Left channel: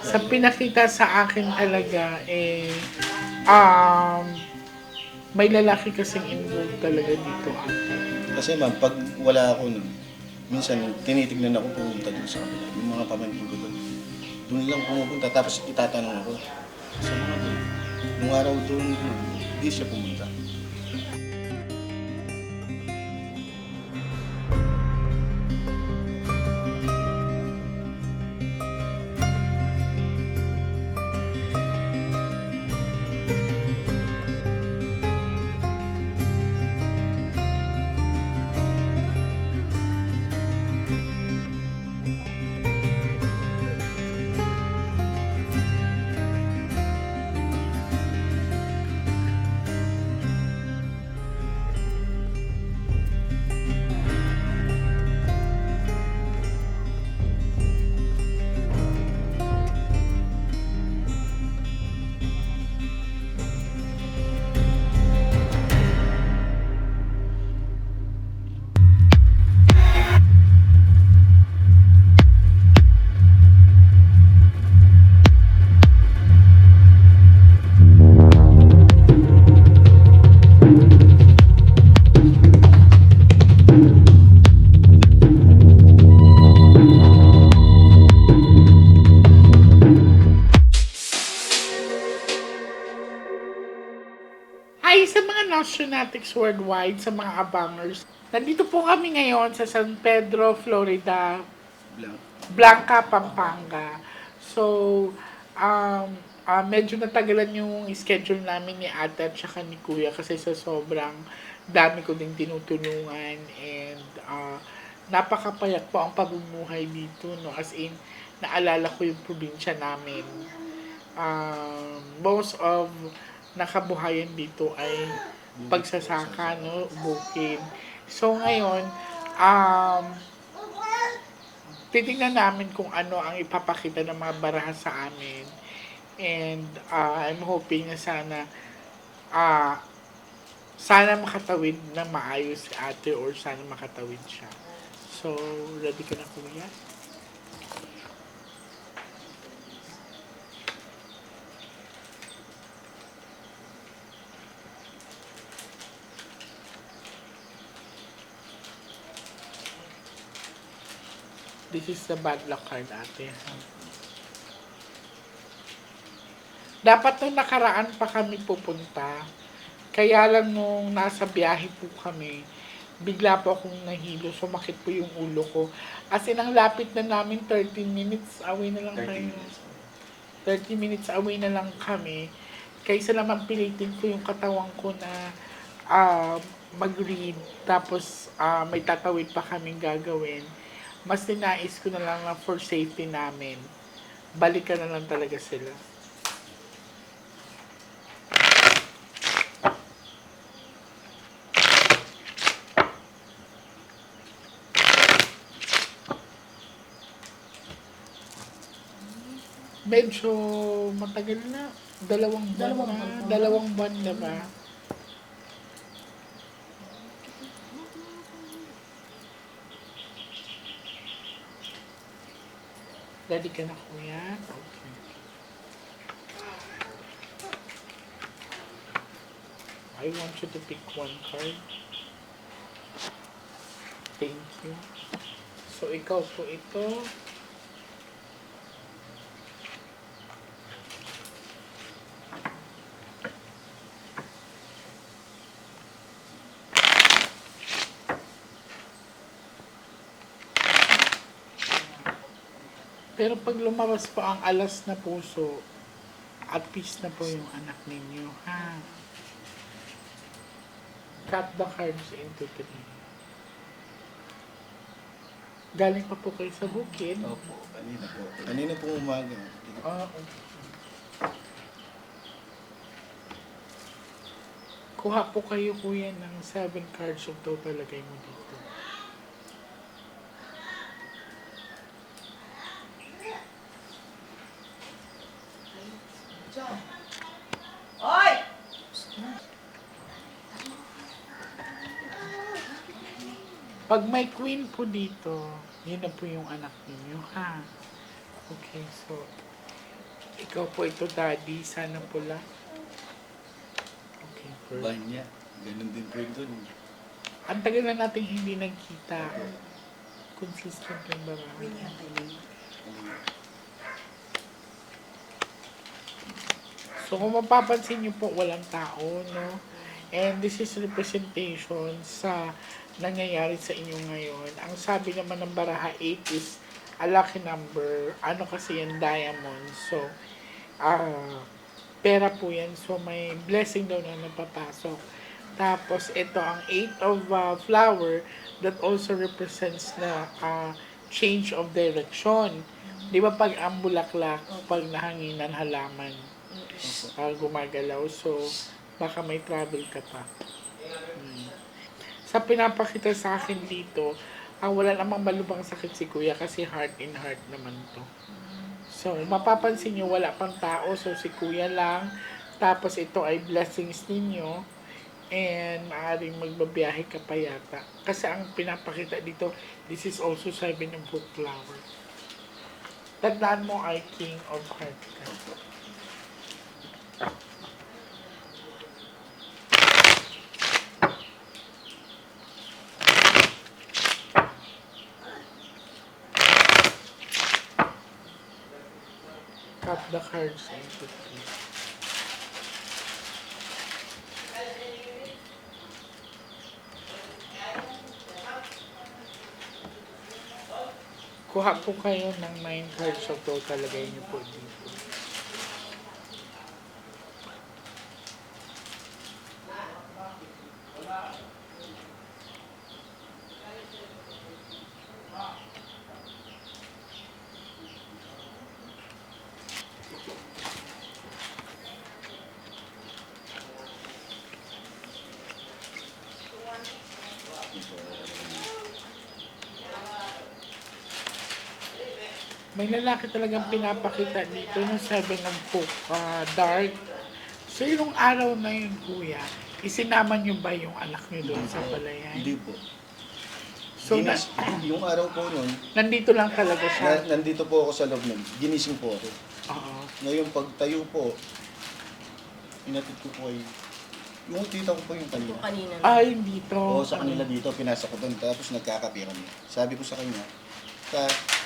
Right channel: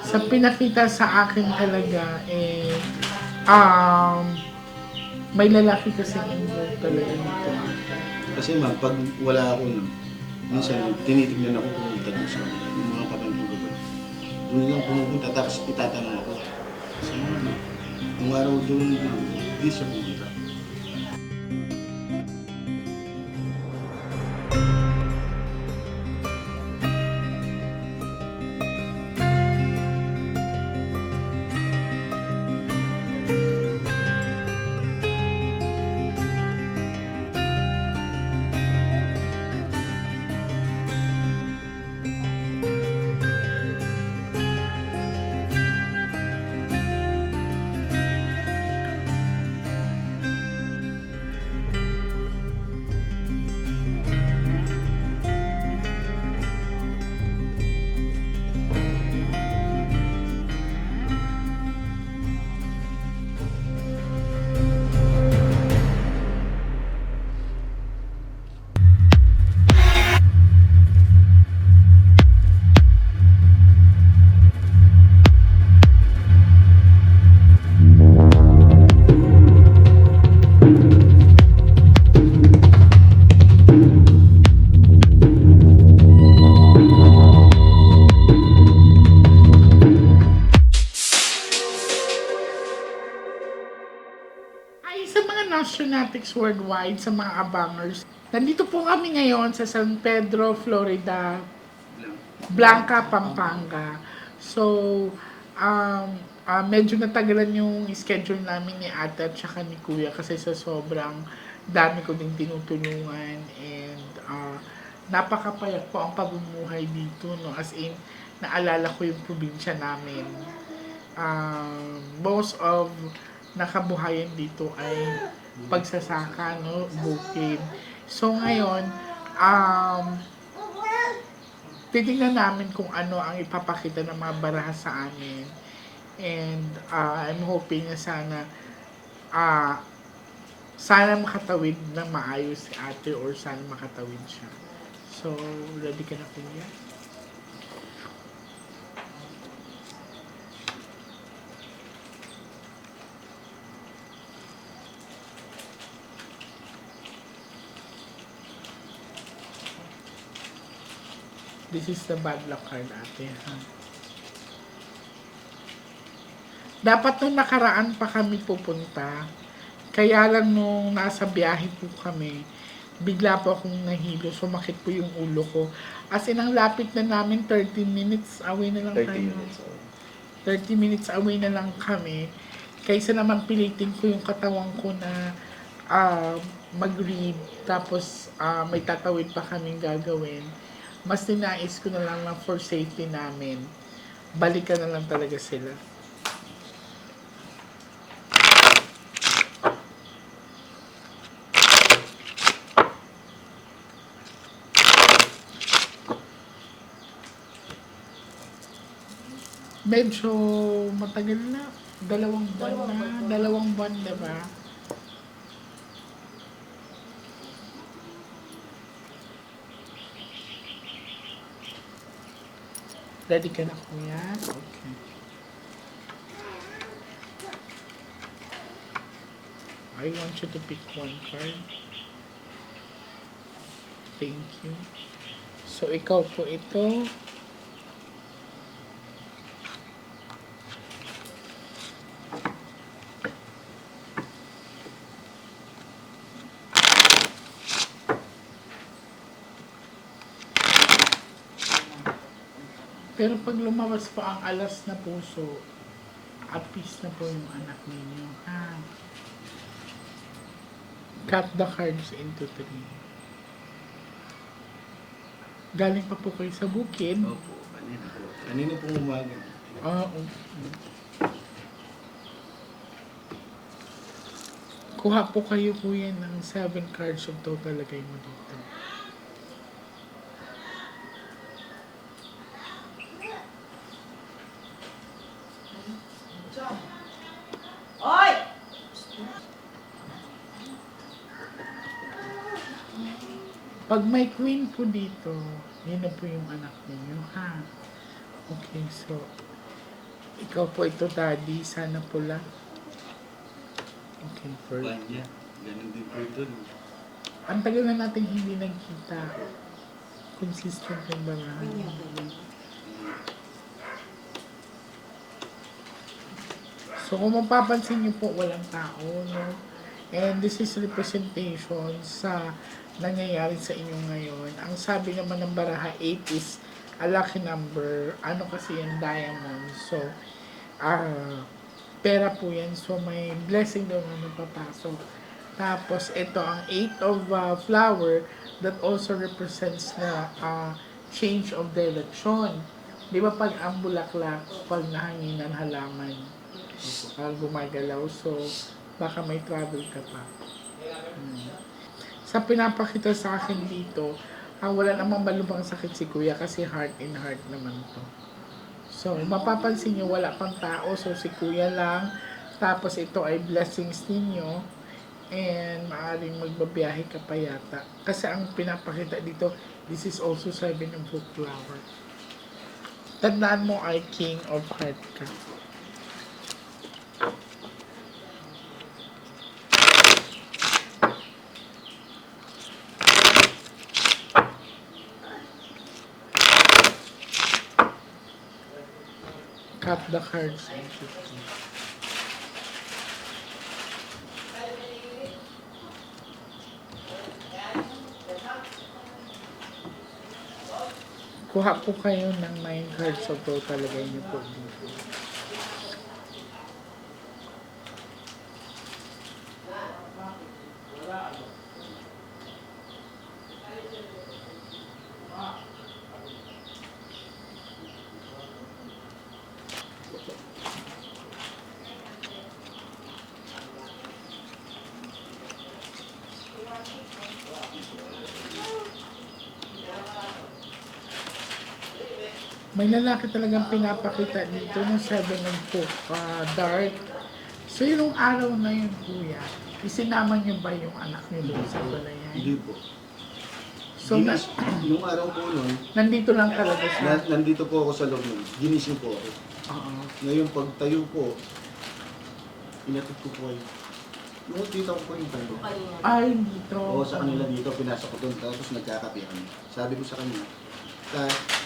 Sa pinakita sa akin talaga, um, may lalaki kasing involved talaga dito ate. Kasi ma'am, pag wala ako nun, minsan tinitignan ako pumunta doon sa kanila. Yung mga pamangkin ko doon. Doon lang pumupunta tapos itatanong ako. Sa mga doon. Nung araw doon, hindi siya pumunta. Ay, sa mga nationatics worldwide, sa mga abangers, nandito po kami ngayon sa San Pedro, Florida, Lang. Blanca, Pampanga. So, medyo natagalan yung schedule namin ni ate at saka ni kuya kasi sa sobrang dami ko ding tinutulungan and napakapayat po ang pamumuhay dito, no? As in, naalala ko yung probinsya namin. Most of nakabuhayan dito ay pagsasaka, no? Bukid. So, ngayon, um, titignan namin kung ano ang ipapakita ng mga baraha sa amin. And I'm hoping na ah, sana makatawid na maayos si ate or sana makatawid siya. So, ready ka na kuya? This is the bad luck card ate. Ha? Dapat nung nakaraan pa kami pupunta, kaya lang nung nasa biyahe po kami, bigla po akong nahilo, sumakit po yung ulo ko. As in, ang lapit na namin, 30 minutes away na lang 30 tayo. minutes. 30 minutes away na lang kami. Kaysa naman pilitin ko yung katawan ko na mag-read, tapos may tatawid pa kaming gagawin. Mas ninais ko na lang na for safety namin. Balikan na lang talaga sila. Medyo matagal na. Dalawang buwan na. Dalawang buwan na ba? Ready ka na kuya? Okay. I want you to pick one card. Thank you. So, ikaw po ito. Pero pag lumabas pa ang alas na puso, at peace na po yung anak ninyo, ha? Cut the cards into three. Galing pa po kayo sa bukid. Opo, kanina po. Kanina po umaga. Oo. Kuha po kayo kuya ng 7 cards of total lagay mo dito. Oy! Pag may queen po dito, yun na po yung anak ninyo, ha? Okay, so, Ikaw po ito, Daddy. Sana pula. Okay, Ba perfect. niya. Ganun din po doon. Ang tagal na natin hindi nagkita. Consistent yung barahan. So kung mapapansin niyo po, walang tao, no? And this is representation sa nangyayari sa inyo ngayon. Ang sabi naman ng baraha 8 is a lucky number. Ano kasi yung diamond. So, pera po yan. So, may blessing daw na napapasok. Tapos, ito ang 8 of flower that also represents na change of direction. Di ba pag ang bulaklak, pag nahanginan halaman, gumagalaw. So, baka may travel ka pa. Sa pinapakita sa akin dito, ang wala namang malubhang sakit si kuya kasi heart in heart naman to. So, mapapansin nyo, wala pang tao. So, si kuya lang. Tapos, ito ay blessings ninyo. And, maaaring magbabiyahe ka pa yata. Kasi ang pinapakita dito, this is also 7 of book flower. Tandaan mo ay king of heart ka. Cut the cards and 50. Kuha po kayo ng 9 cards of pro, talagay niyo po dito. May lalaki talagang pinapakita dito ng 7 of book, dark. So, yung araw na yun, kuya, isinama niyo ba yung anak niyo doon sa balayan? Hindi po. So, Yung araw po nun, nandito lang talaga siya. nandito po ako sa loob nun. Ginising po ako. Oo. Ngayon pagtayo po, inatid ko po kayo. Yung tita ko po yung kanila. Kanina. Ay, dito. Oo, sa kanila dito, pinasa ko doon. Tapos nagkakape kami. Sabi ko sa kanya,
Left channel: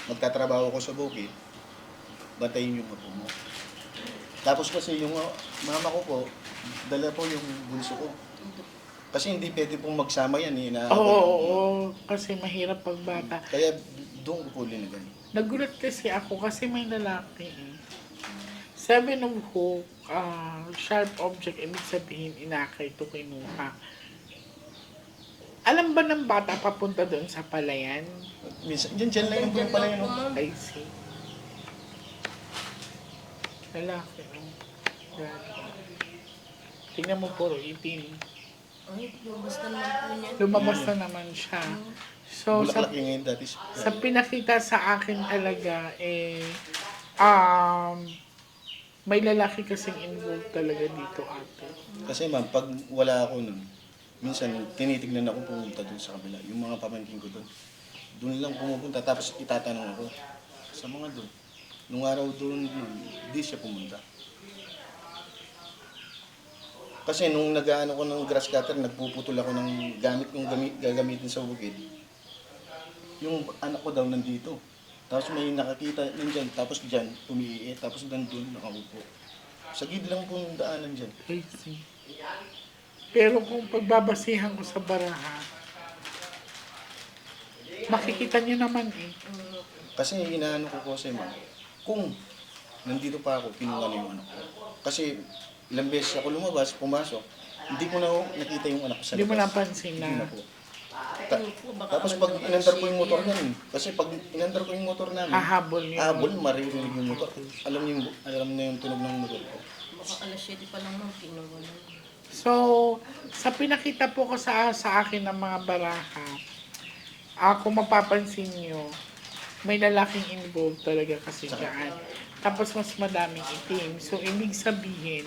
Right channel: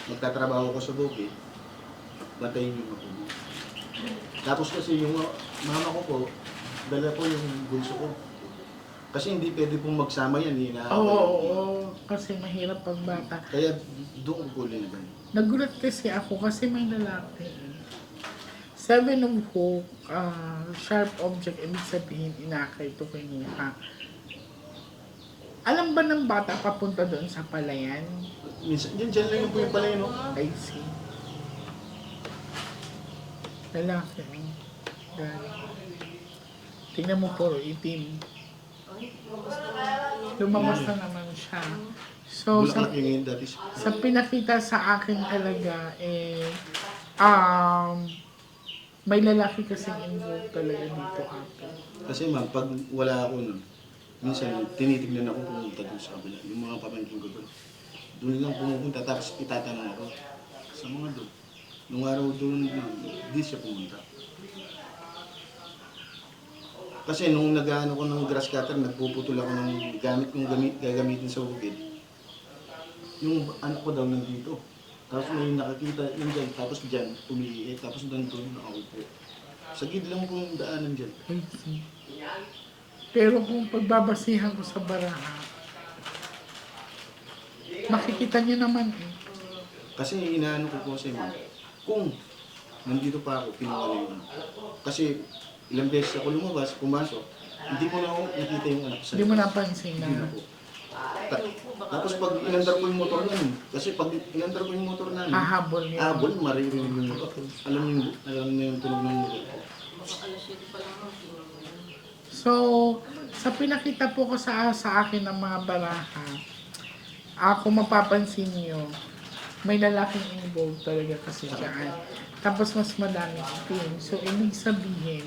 magtatrabaho ko sa bukid, batayin yung apo mo. Tapos kasi yung mama ko po, dala po yung bulso ko. Kasi hindi pwede pong magsama yan, Oo, inaaway. kasi mahirap pag bata. Kaya doon ko po linagan. Nagulat kasi ako kasi may lalaki eh. 7 of hook, sharp object, ibig sabihin inakay ito kinuha. Alam ba ng bata papunta doon sa palayan? Minsan, dyan lang yung po yung pala yun. I see. Lalaki, God. Tingnan mo puro itim. Ay, basta na po niya. Lumabas na naman siya. So, Bulaklak yung ngayon dati. sa pinakita sa akin talaga, may lalaki kasing involved talaga dito ate. Kasi ma'am, pag wala ako nun, minsan tinitignan ako pumunta doon sa kabila. Yung mga pamangkin ko doon. Doon lang pumupunta, tapos itatanong ako sa mga doon. Nung araw doon, hindi siya pumunta. Kasi nung nag-ano ko ng grass cutter, nagpuputol ako ng gamit yung gagamitin sa bukid. Yung anak ko daw nandito. Tapos may nakakita yun dyan, tapos dyan, tumiiit, tapos doon nakaupo. Sa gid lang pong daanan dyan. I see. Pero kung pagbabasihan ko sa baraha, makikita niyo naman eh. Kasi inaano ko po sa inyo, kung nandito pa ako, kinuha na yung anak ko. Kasi ilang beses ako lumabas, pumasok, hindi ko na ako nakita yung anak ko sa Hindi mo labas. napansin Hindi na na po. Tapos pag inandar ko yung motor namin, kasi pag inandar ko yung motor namin, hahabol yun. habol, maririnig yung motor. Alam na yung tunog ng motor ko. Baka alas 7 pa lang nung pinagawa. So, sa pinakita po ko sa akin ng mga baraha, kung mapapansin nyo, may lalaking involved talaga kasi dyan. Tapos mas madaming itim. So, ibig sabihin,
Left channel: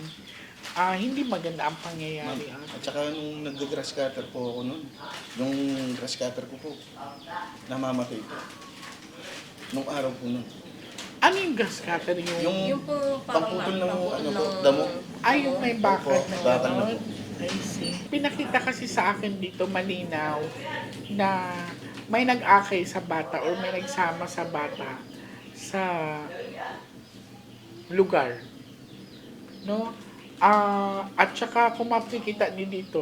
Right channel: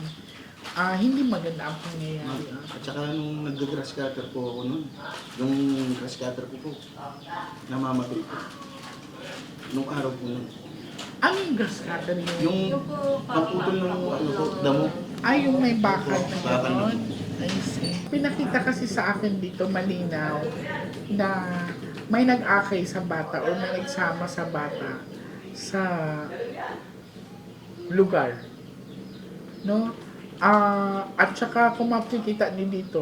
hindi maganda ang pangyayari. At saka nung nag-grass cutter po ako nun, yung grass cutter ko po, namamatay po. Nung araw po nun. Ano yung gas cutter yung... Yung po parang paputol ng naputol ano po, ng- damo. Ay, yung may bakal Opo, na bakal na gano'n. I see. Pinakita kasi sa akin dito malinaw na may nag-akay sa bata or may nagsama sa bata sa lugar. No? At saka kung makikita niyo dito,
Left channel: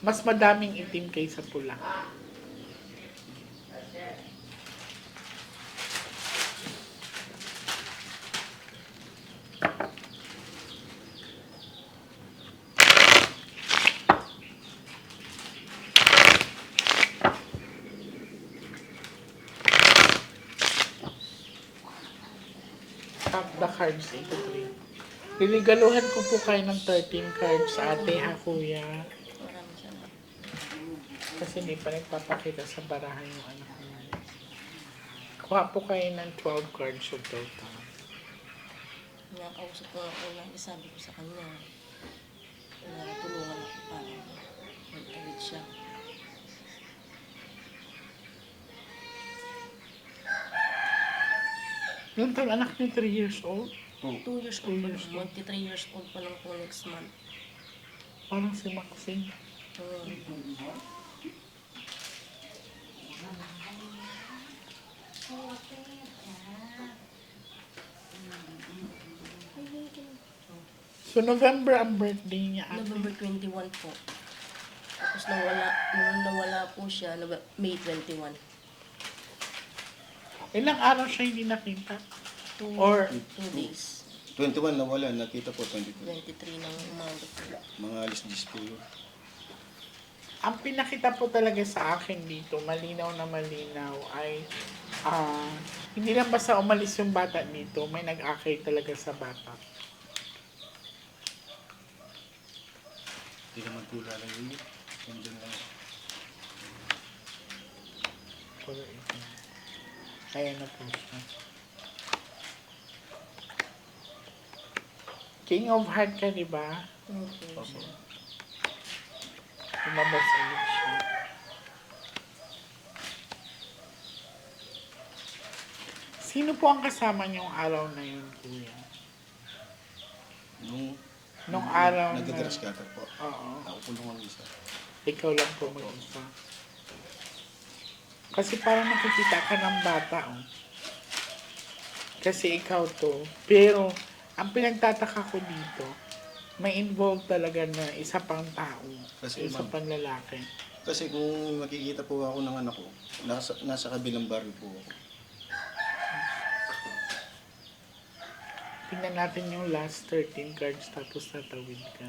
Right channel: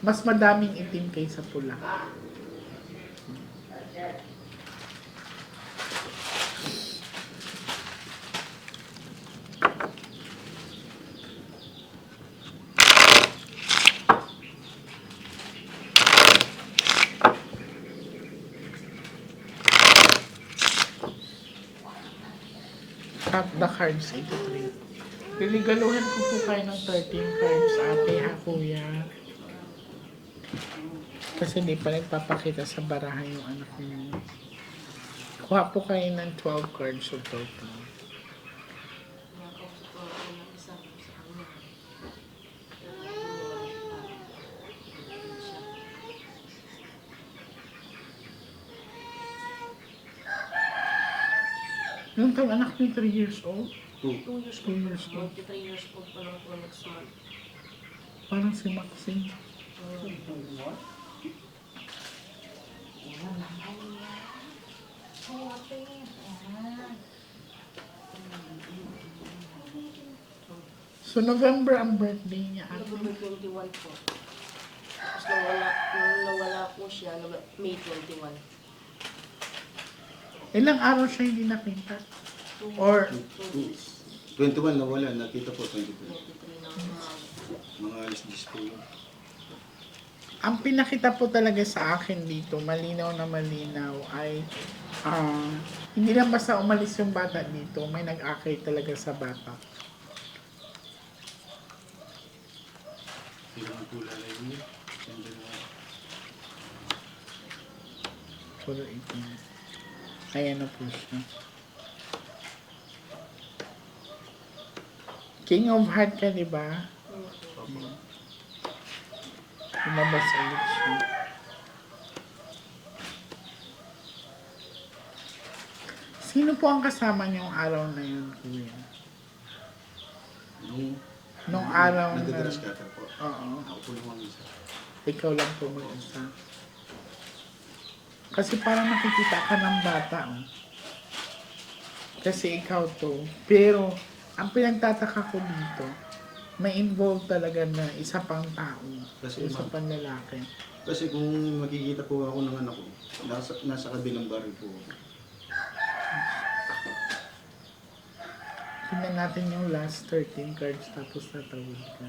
mas madaming itim kaysa pula. Cut the cards into 3. Piligaluhan ko po kayo ng 13 cards, ate ha kuya. Kasi hindi pa nagpapakita sa barahan yung anak niyo. Kuha po kayo ng 12 cards of total. Nakausap ko ako na sabi ko sa kanya. Wala tulungan siya. Yung tayo anak niyo 3 years old, 2 years 2 old. years old. Magti 3 years old pa lang po next month. Parang si Maxine. So November ang birthday niya ate. November 21 po. Tapos nung nawala po siya, May 21. Ilang araw siya hindi nakita? 2 Or- days. 21 na wala, nakita po 22. 23 ng umaga. Mga alis 10 po yun. Ang pinakita po talaga sa akin dito, malinaw na malinaw, ay hindi lang basta umalis yung bata dito, may nag-akay talaga sa bata. Hindi naman po lalayo yun. Nandiyan na. Puro itim. Ayan na po siya. King of Heart ka, di ba? Okay. Lumabas ulit siya. Sino po ang kasama niyong araw na yun, kuya? Nung araw na... Nagdadalas cutter po. Oo. Ako po lang ang isa. Ikaw lang po mag-isa. Kasi parang nakikita ka ng bata, oh. Kasi ikaw to. Pero, ang pinagtataka ko dito, may involved talaga na isa pang tao. Kasi, Isa ma'am, pang lalaki. kasi kung makikita po ako ng anak ko, nasa kabilang barrio po ako. Tingnan natin yung last 13 cards tapos tatawid ka.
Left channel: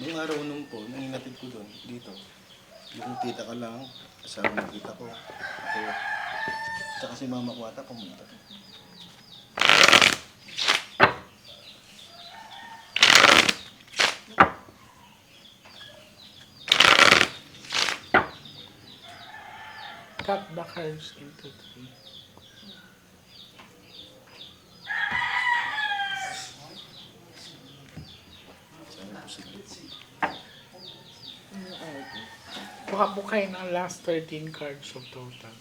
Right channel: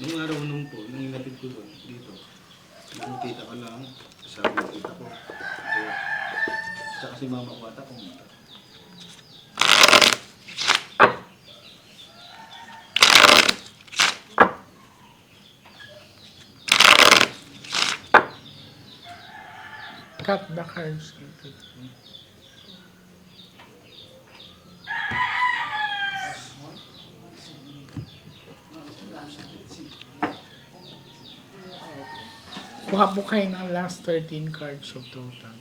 Nung araw nung po, nung inatid ko doon, dito, yung tita ka lang, kasama ng tita ko. Ako, tsaka si mama ko ata pumunta. Cut the cards into 3. Kuha po kayo ng last 13 cards of total.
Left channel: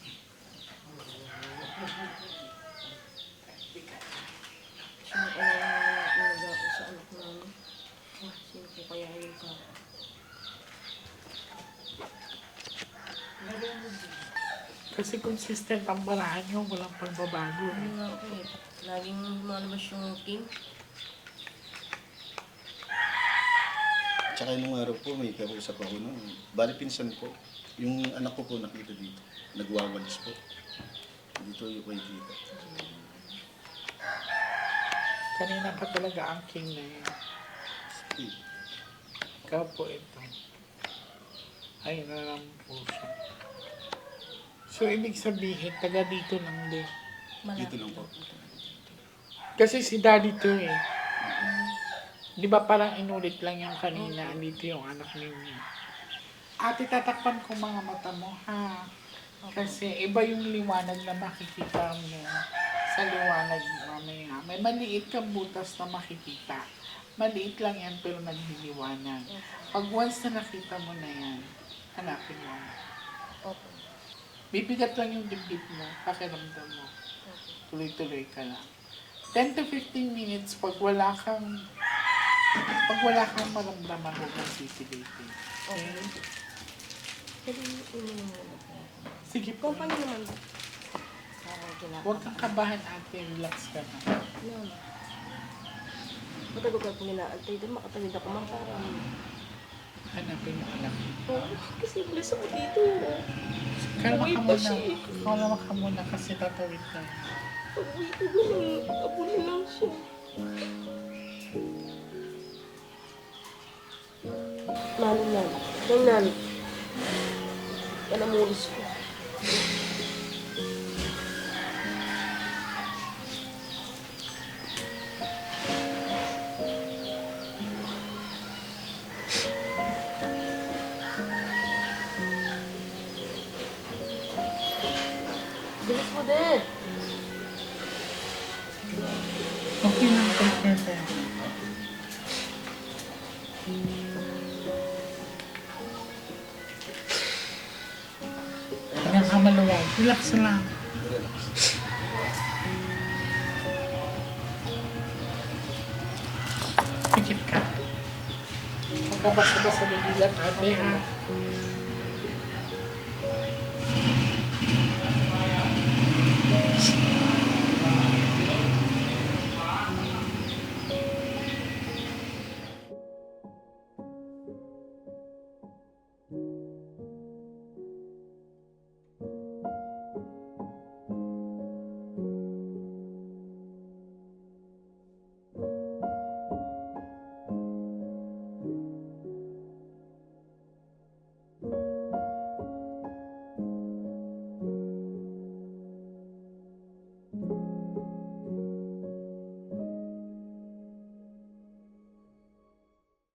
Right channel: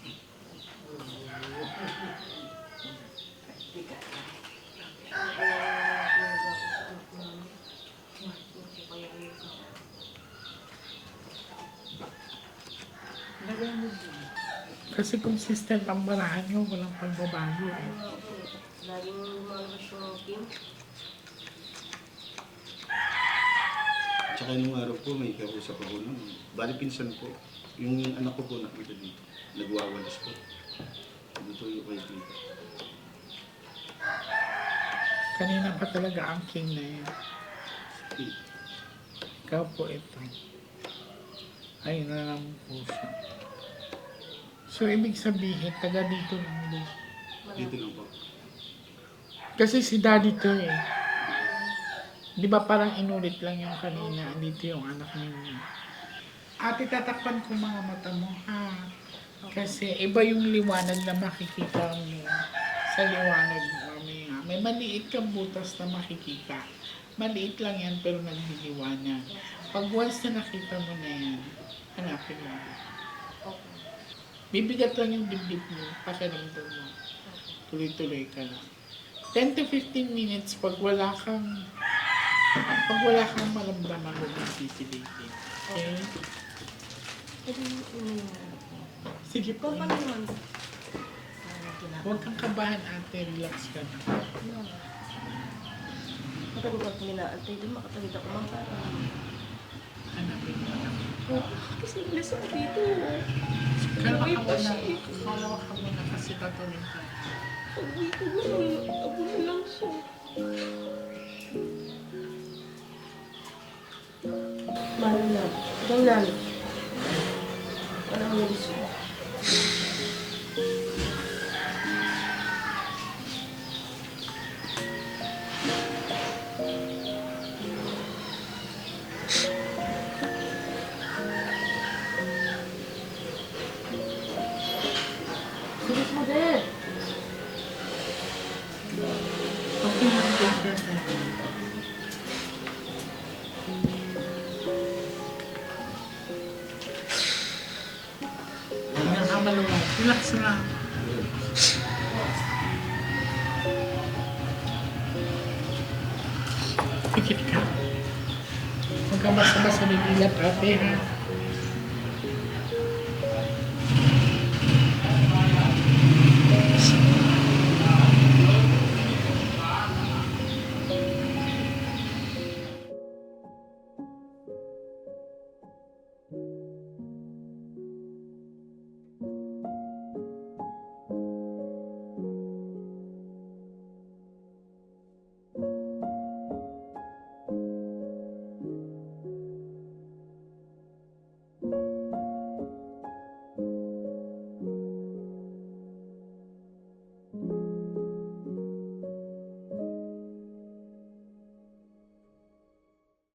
Kasi consistent ang barahan nyo, walang pagbabago. Laging lumalabas yung game. Tsaka nung araw po, may kausap ako nun. Bali pinsan po, yung anak ko po nakita dito. Nagwawalis po. Dito yung kay tita. Kanina pa talaga ang king na yan. Eh, Ikaw po ito. Ay, na lang po siya. So, ibig sabihin, taga dito lang din. dito lang po. Kasi si daddy to eh. Di ba parang inulit lang yung kanina, dito yung anak ninyo. Ate, tatakpan ko mga mata mo, ha? Kasi iba yung liwanag na makikita mo sa liwanag mamaya. May maliit kang butas na makikita. Maliit lang yan pero nagliliwanag. Pag once na nakita mo na yan, hanapin mo. Bibigat lang yung dibdib mo, pakiramdam mo. Okay. Tuloy-tuloy ka lang. 10 to 15 minutes pag wala kang maramdaman mo kang pipilitin. Okay? Pwede uminom muna po. Sige po. Kung paano naman po? Huwag kang kabahan ate, relax ka na. Ma'am. Matagal ko ginaantay din, makatagid ako ma'am para. Hanapin mo na. Oh, kasi ilas ako dito. Kalma Uy, ka muna. kasi. Kalma ka muna kasi tatawin ka. Pag-uwi ko gano'n, abo na lang siya. Malam na. Ganyan. Yan ang mulis ko. Bilis mo din. Okay na, okay na. Hanggang ka maluwag. Relax lang. Pikit ka. Huwag ka basta-basta bibigat ate.